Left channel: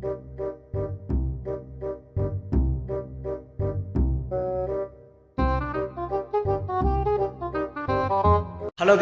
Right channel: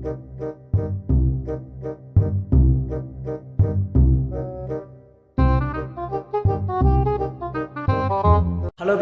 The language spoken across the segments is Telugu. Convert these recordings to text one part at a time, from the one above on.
Hello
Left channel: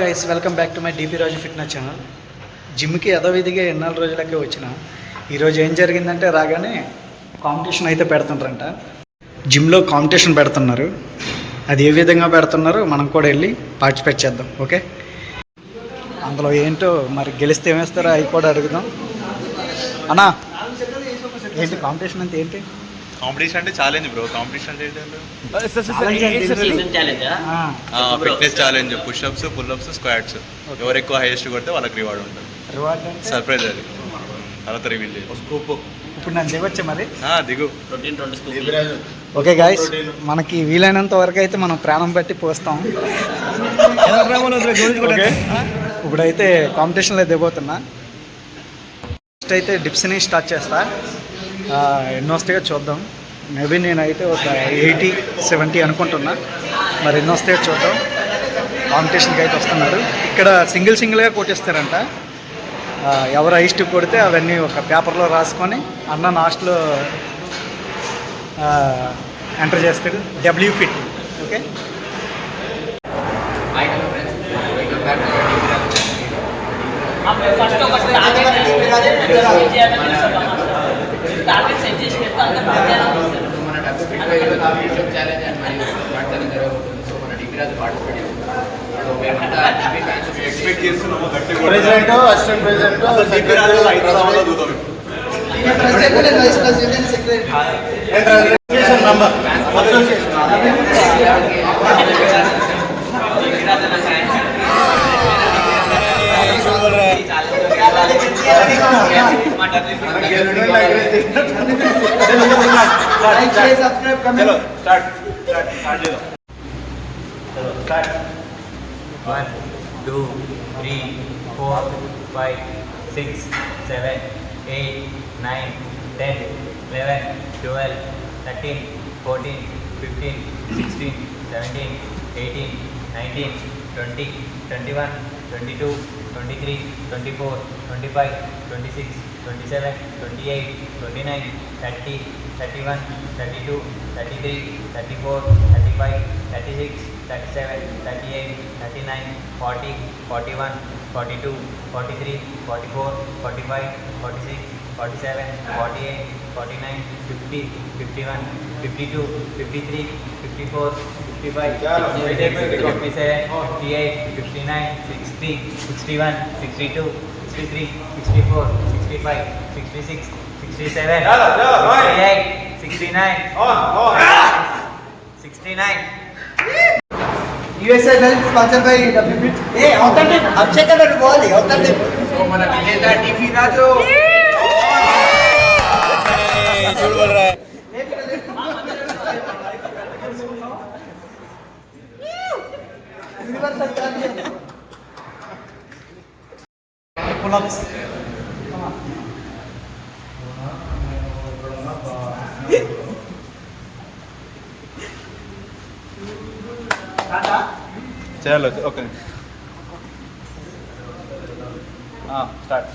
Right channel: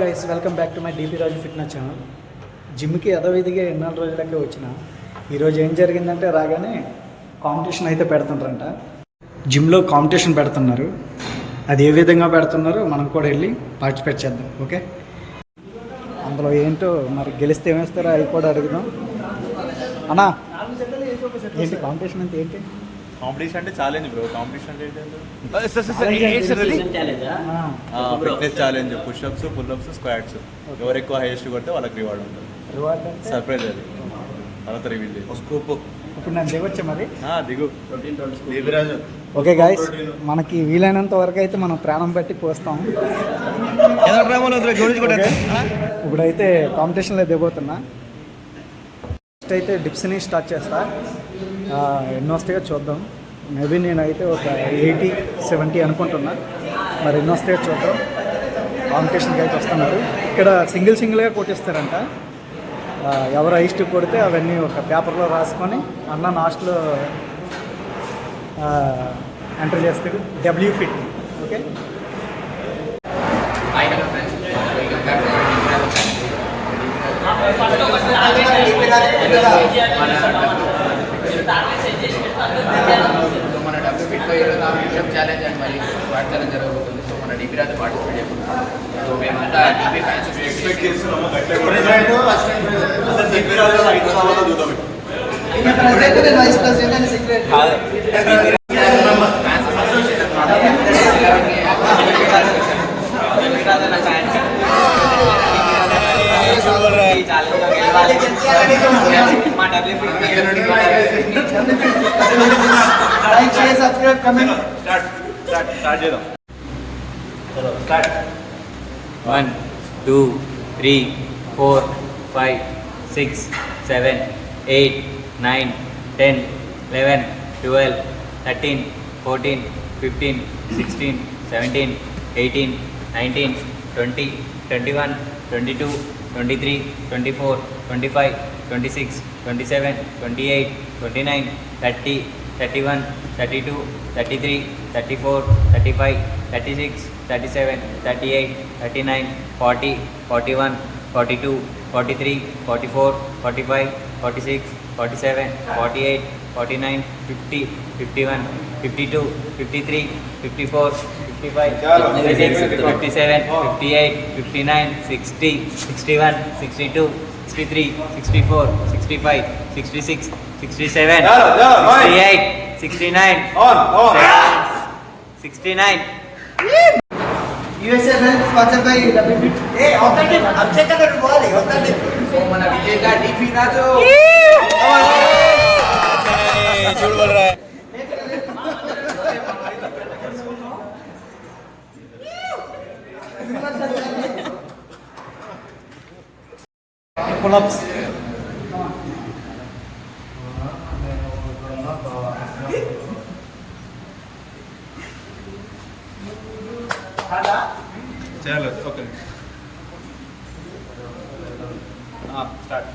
guys, welcome back to my DP Raju fitness channel. జిమ్కి యథావిధిగా ఎన్నాళ్ళు రోజులకే వచ్చిన ఈరోజు ఏం జరిగిందంటే రాగానే కాంపిటీషన్ అయితే పెడుతుంటారంట. జిమ్లో కాంపిటీషన్ పెడుతున్నారు. అది ఏ విధంగా పెడుతున్నారో మనం కూడా వెళ్ళి పార్టిసిపేట్ చేద్దాం. ఓకే, అందులో ఏంటో మరి గెలిస్తే ఏమేస్తారో అవి కూడా అడుగుదాం. అన్నా, ఏంటి కాంపిటీషన్ అంటే ఏంటి? కాంపిటీషన్ అంటే ఛాలెంజ్ బ్రో. కాంపిటీషన్ అంటే fitness challenge, push-ups, pull-ups, squats. ఎవరు ఎక్కువ హైయెస్ట్ కొడితే వాళ్ళకి రివార్డ్ ఉంటుంది. రివార్డ్ సర్ప్రైజ్ అది, తర్వాత రివీల్ చేయాలి. ఇప్పుడు నన్ను దిగొచ్చా మరి? దిగు. ఓకే గాయస్, మనకి వీలైనంత వరకు అయితే మనం ప్రాణం బట్టి పోస్తాం. ఇప్పుడైతే కాంపిటీషన్లో దిగబోతున్నా. ఫస్ట్ అయితే డిప్స్ని స్టార్ట్ చేస్తా. ఎన్నో వస్తాయో చూద్దాం. మేబీ నేనైతే ఒక 80-70 అనుకుంటున్నా. మరి ఎన్నో వస్తాయో చూద్దాం. కాంపిటీషన్కి అయితే వస్తున్నారు. ఇక్కడ సింగిల్గా కొట్టిస్తారంట. ఎవరు హైస్ట్ కొడితే అవన్నీ ఒక పేపర్లో రాసుకొని అన్న లాస్ట్లో ఎంటర్ చేస్తాడు. W fit. ఓకే, మన డబ్బు ఫిట్లో పుషప్ ఛాలెంజ్ అండ్ మరియు స్క్వాట్ ఛాలెంజ్ జరగబోతుంది. సో మన డీపీ రాజు పార్టిసిపేట్ చేస్తున్నాం. సో మేమంతా డీపీ ఫ్యాన్స్ ఎక్స్పెక్ట్ చేస్తున్నాము. One, two, three, 4, 5, 6, 7, 8, 9, 10, 11, 12, 13, 14, 15, 16, 17, 18, 19, 20, 21, 22, 23, 24, 25, 26, 27, 28, 29, 30, 31, 32, 33, 34, 35, 36, 37, 38, 39, 40, 41, 42, 43, 44, 45, 46, 47, 48, 49, 50, 51, 52, 53, 54, 55, 56, 57, 58, 59, 60, 61, 62, 63, 64, 65, 66, 67, 68, 69, 69. USA health sponsored by W Fit. Hey, so మన విజేత డీపీ రాజు. పుల్అప్స్. చేయాలి. Okay, start.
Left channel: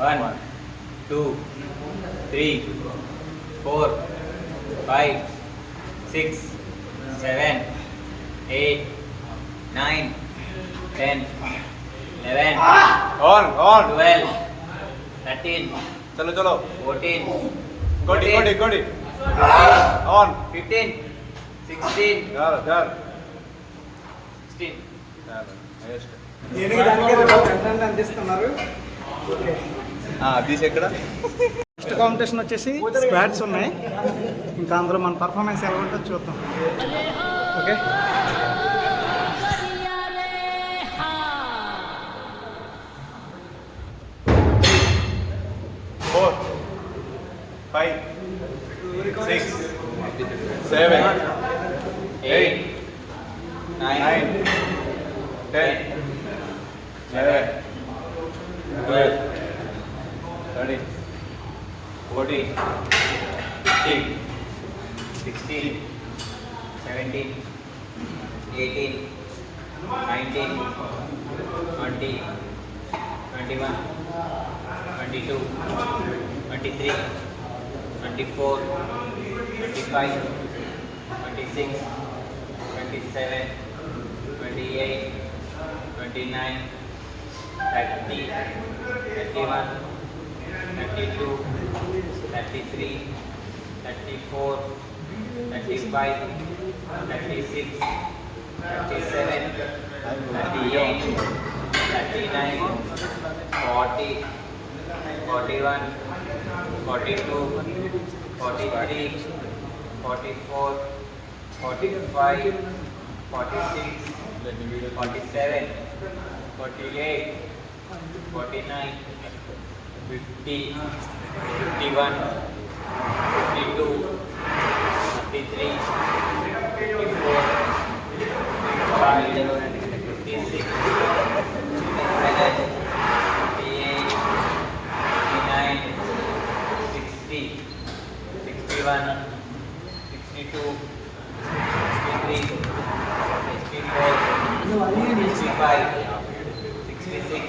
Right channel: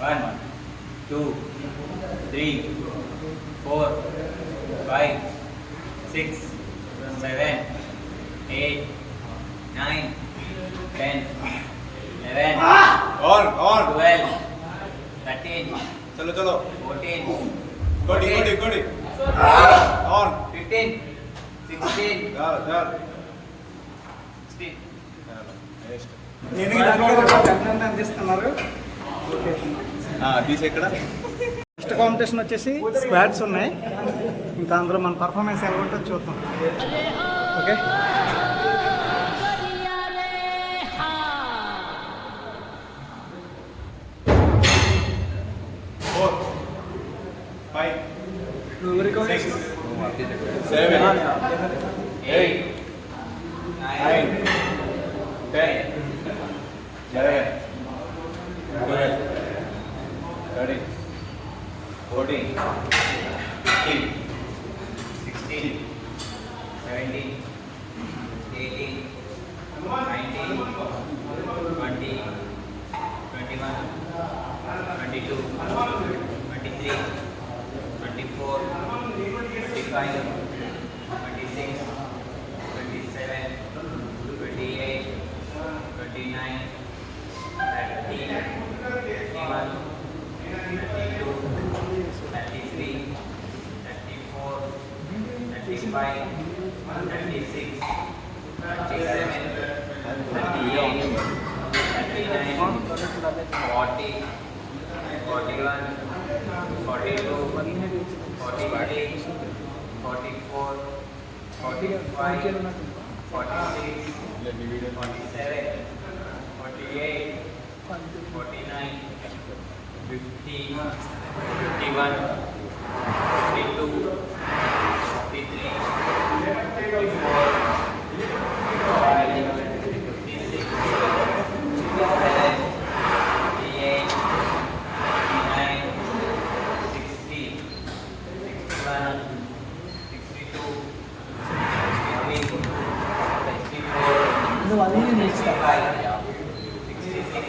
1, 2, 3, 4, 5, 6, 7, 8, 9, 10, 11, ఆన్ 12, 13, చలో చలో. 14, ఇంకోటి ఆన్ 15, 16, చాలు 16. దేనికి దానికి రివార్డ్ అందిస్తున్నారు. ఓకే, తీసి ఎక్కడ? నెక్స్ట్ కాంపిటీషన్ వచ్చేసి స్క్వాట్స్ ఉన్నాయి. ఇంకా అందులో మన పర్ఫార్మెన్స్ ఎలా ఉంటుందో చూద్దాం. Okay, 4, 5, 6, 7, 8, 9, 10, 11, 12, 13, 14, 15, 16, 17, 18, 19, 20, 21, 22, 23, 24, 25, 26, 27, 28, 29, 30, 31, 32, 33, 34, 35, 36, 37, 38, 39, 40, 41, 42, 43, 44, 45, 46, 47, 48, 49, 50, 51, 52, 53, 54, 55, 56, 57, 58, 59, 60, 61, 62, 63, 64, 65, 66,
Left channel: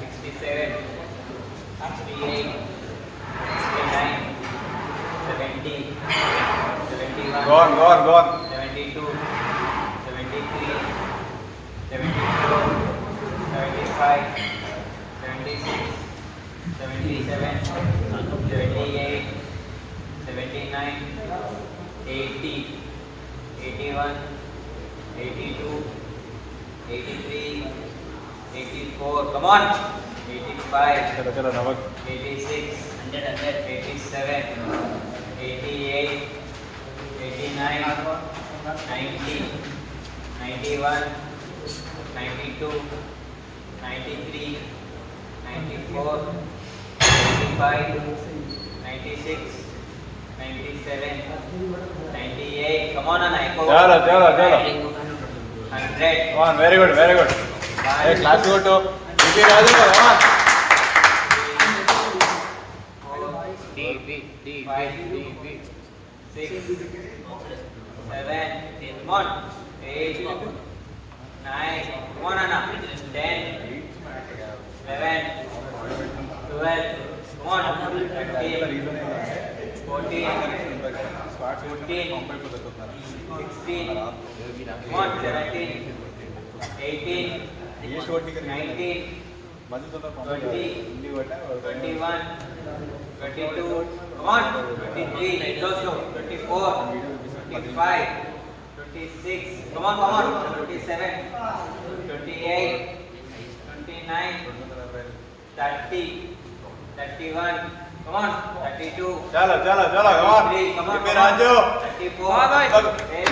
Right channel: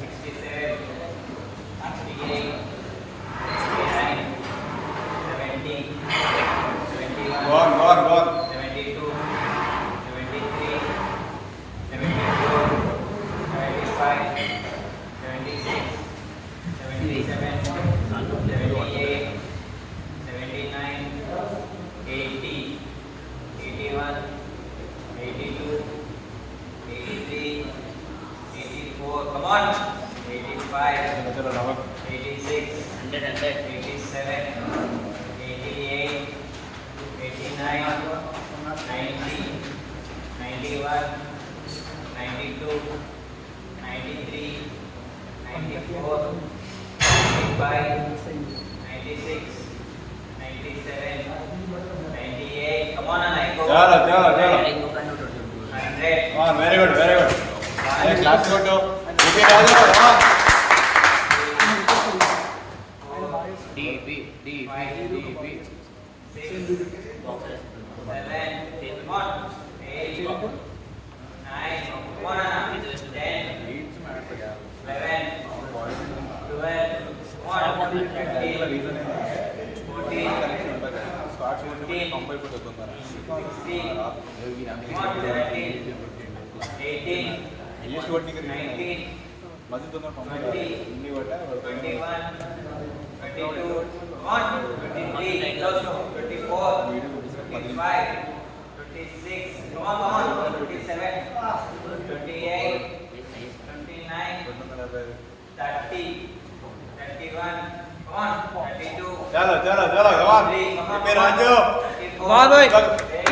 67, 68, 69, 70, 71, Go on, go on, go on. 72, 73, 74, 75, 76, 77, 78, 79, 80, 81, 82, 83, 84, come on, 85, चलो चलो नवक 86, 87, 88, 89, 90, 91, 92, 93, 94, 95, 96, 97, 98, come on Anna, चलो चलो चलो 100, on very good hey class go to DP Raju come on six, seven, come on, 8, 9, come on Anna, 10, 11, 12, come on, 13, reason ఏంటంటే 14, కనెక్షన్ ఉంటుంది కదా స్క్వాడ్స్ కొట్టి మనకి పంప్ అయిపోతుంది తొందర 16, come on, 17, 18, హైయెస్ట్ కొట్టి రీజన్ 19, మధ్య తొందర పంప్ కాదు ఇన్ని కొట్టా 21, 22, come on, 23, 24, 25, 26, come on, 27, 28, 29, 245 30, 31, come on, 32, चलो चलो चलो come on DP Raju 34,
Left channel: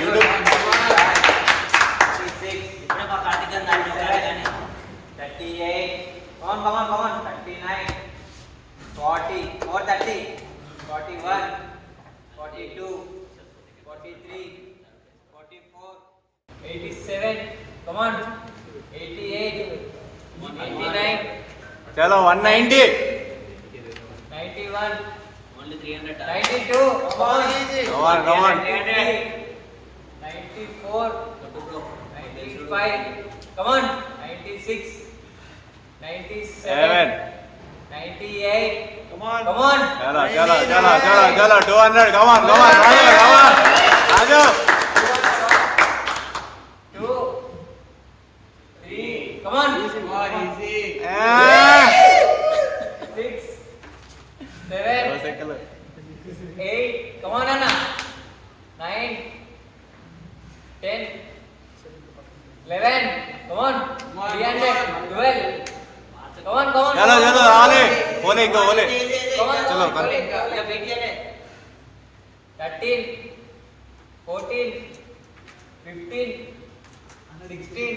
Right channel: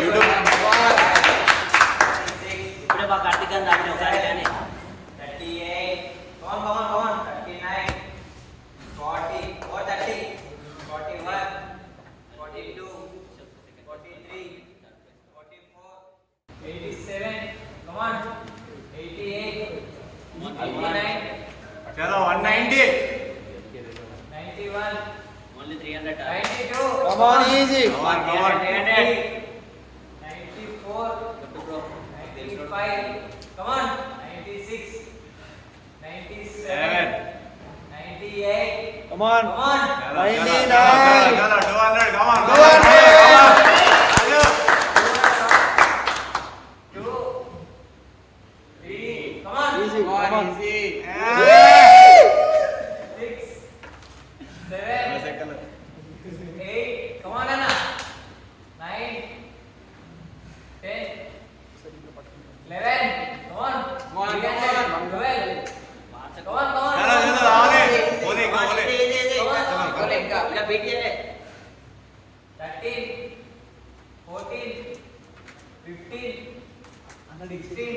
YouTube 36, ఇప్పుడే మా కార్తీక్ గారు నాకు చెప్పారు కానీ 38, come on, 39, 40, 30, 41, 42, 43, 44, 87, come on, 88, 89, चलो 190 91, only 300 92, come on easy come on 93, 94, 95, come on, 96, 97, 98, come on come on, चलो चलो चलो चलो 200 come on come on Raju 2, 3, come on, easy, 6, 7, 8, come on Anna, 9, 10, 11, come on, 300, 12, come on, चलो चलो आने बोले को बोले चलो come on, या बेटी है 13, 14, 15, 16,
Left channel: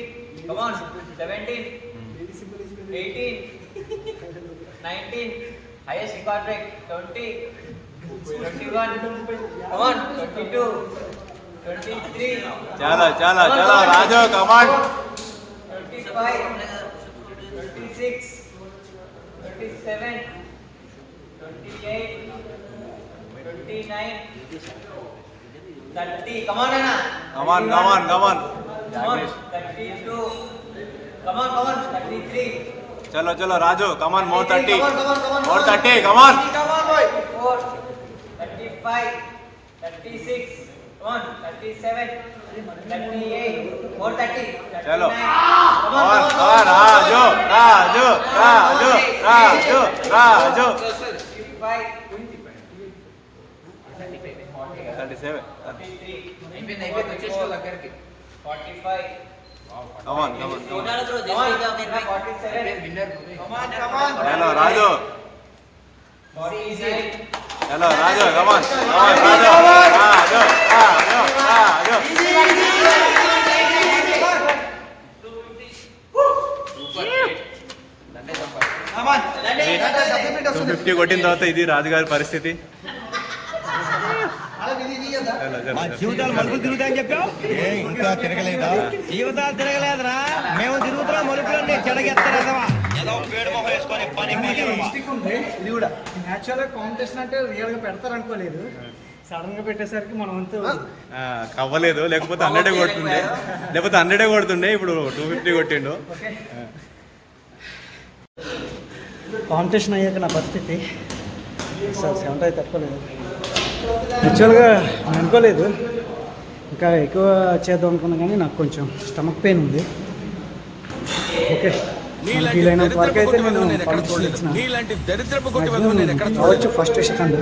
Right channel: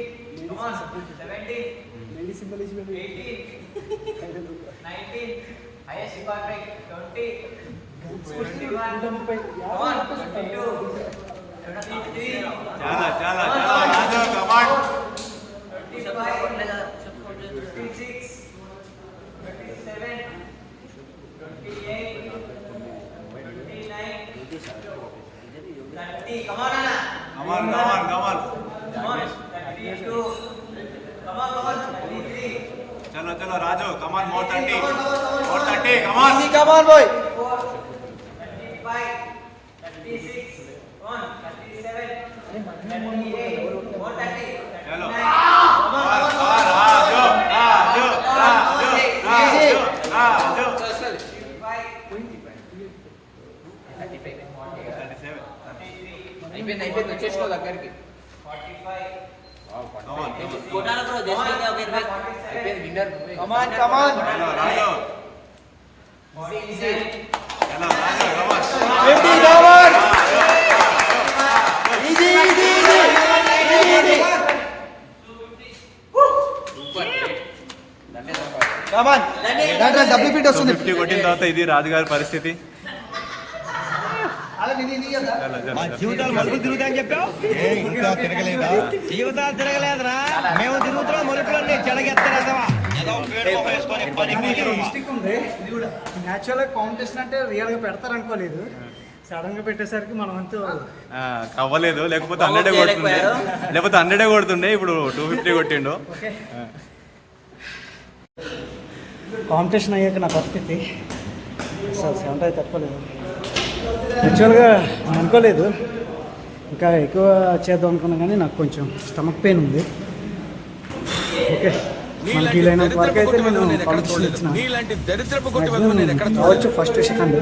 come on, 17, 18, 19, highest record rate 20, 21, come on, 22, 23, चलो चलो चलो Raju come on 25, 26, 27, 28, 29, 30, come on Anna. come on come on come on Come on, 32, come on, 33, चलो चलो राजू कमान मोर 30 कमान 34, 35, 36, 1, 37, 38, more 30, चलो 39, कमान राजू राजू राजू राजू राजू 35, 37 అయిపోయింది వచ్చేసిన దగ్గరికి 45, कमान कमान कोटाला ब्रो देश का 47, విన్నర్ चलो राजू 49, चलो राजू कमान ఫిఫ్టీ కొట్టిన తర్వాత ఇది రాజుగారి పరిస్థితి మా జీవితాలు మలుపులు తిరుగుతాయని చెప్పావు ఇంకా తిరగలేదా జీవితాలు తిరగలేదురా మేము తిరుగుతున్నాం మలుపులన్నీ చెడగెత్తలేదవా ఏదో పేడు మొహం వేసుకొని పని మిస్టేక్ ఉంది న్యాచురల్గా కాంపిటీషన్ అంటే రియల్గా పెడతారు అనుకోలేదు సడన్ గా పెట్టేసరికి మనం అంతా అవ్వలేదు లేకపోతే 100 కొడుతుండే లేకపోతే 100 కొడుతుండే ఇప్పుడు 250 కొట్టిండు ఓకే కాంపిటీషన్ అయ్యాక నా పరిస్థితి అసలు 70 తట్టుకోలేదు యాక్చువల్గా నేను అనుకోలేదు ఇంకా ఎక్కువ చేద్దాం అనుకున్నా కానీ నాకు కొంచెం స్టమక్ పెయిన్ ఉంది ఓకే మనకి వీలైనంత వరకు అయితే నేను కాంపిటీషన్ ఇచ్చిన కావచ్చు ఫస్ట్ సెకండ్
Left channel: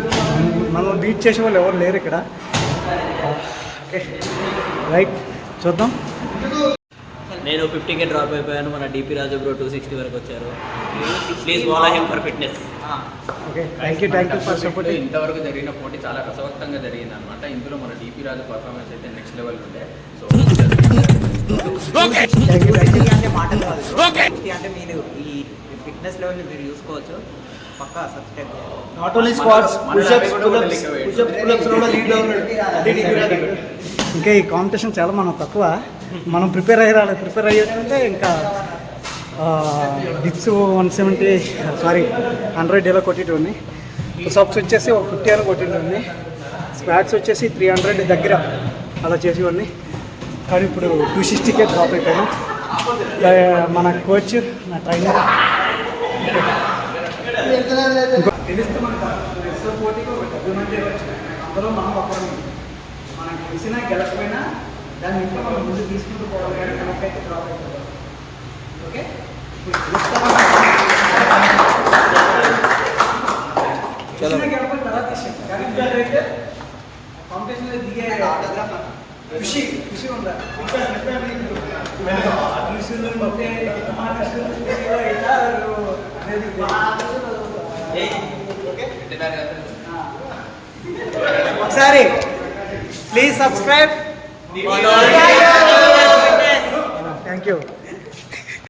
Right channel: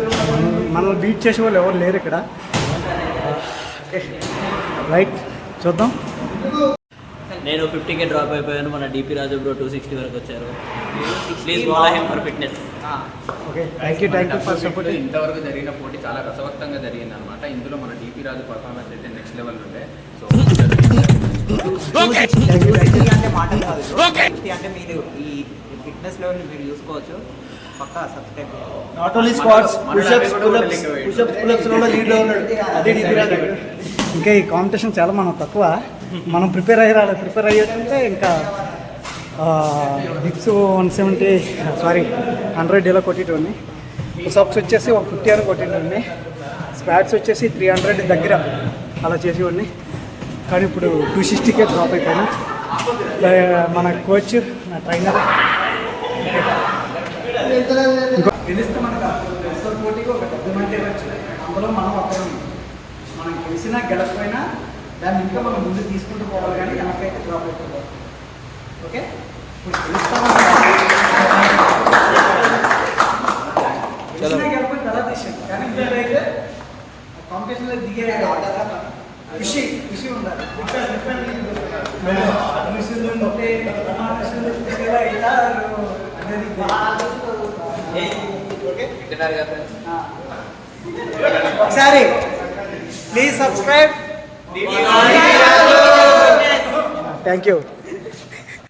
మనల్ని బీట్ చేసే వాళ్ళు ఎవరు లేరు ఇక్కడ ఓకే రైట్ చూద్దాం నేను 50K డ్రాప్ అయిపోయాను మన డిపి రాజు బ్రో 260 వరకు వచ్చారు please follow him for fitness okay thank you for support ఇంతవరకు జరిగిన పోటీ చాలా రసవత్తంగా జరిగింది అనమాట ఇందులో మన డిపి రాజు పర్ఫార్మెన్స్ అయితే నెక్స్ట్ లెవెల్ ఉండే సో అంటే మాటలు కాదు అంటే మీరు ఈ ఫిట్నెస్ లెవెల్ మీరు చూసుకోవచ్చు పక్కా సబ్స్క్రైబ్ నాట్ ఓన్లీ స్క్వాట్స్ ఇంకా ఈ కాంపిటీషన్ చాలా మనం తక్కువ మనం ప్రిపేర్ అయ్యి రాలేదు ప్రిపేర్ అయ్యేటుంటే ఇంకా డిక్స్ 170 సారీ 100 డేలో కొట్టేటోడిని పుషప్స్ వచ్చేసి ఒక 50 అని కొట్టేటోడిని స్క్వాట్స్ వచ్చేసి 300 దగ్గర అలా చేసేవాడిని కానీ ఇప్పుడు 260కే డ్రాప్ అయిపోయినా మన కోచ్ నా ట్రైనర్ ఇంకో గెలిస్తే మనకు ఎస్ఓ పోటీకి ఒక 70 మంది ఇవ్వచ్చు అందులో మనం ఒకరు మనం గెలిచినా గెలకపోయినా దాన్ని ఇంకా మనం ముందు తీసుకుంటూ పోవాలి కానీ వెనకైతే డ్రాప్ అయిపోవాలి ఓకే ఇప్పుడు గెలిపోయిన తర్వాత తీసేది కానీ ఇప్పుడైతే కాంపిటీషన్లో దిగే ఖుషి ఉండాలి ఇక్కడ ఋషులు ఉంటే ఖుషిలో ఇస్తారు అనేది ఓకే ఒకసారి ప్లీజ్ సబ్స్క్రైబ్ థ్యాంక్ యూ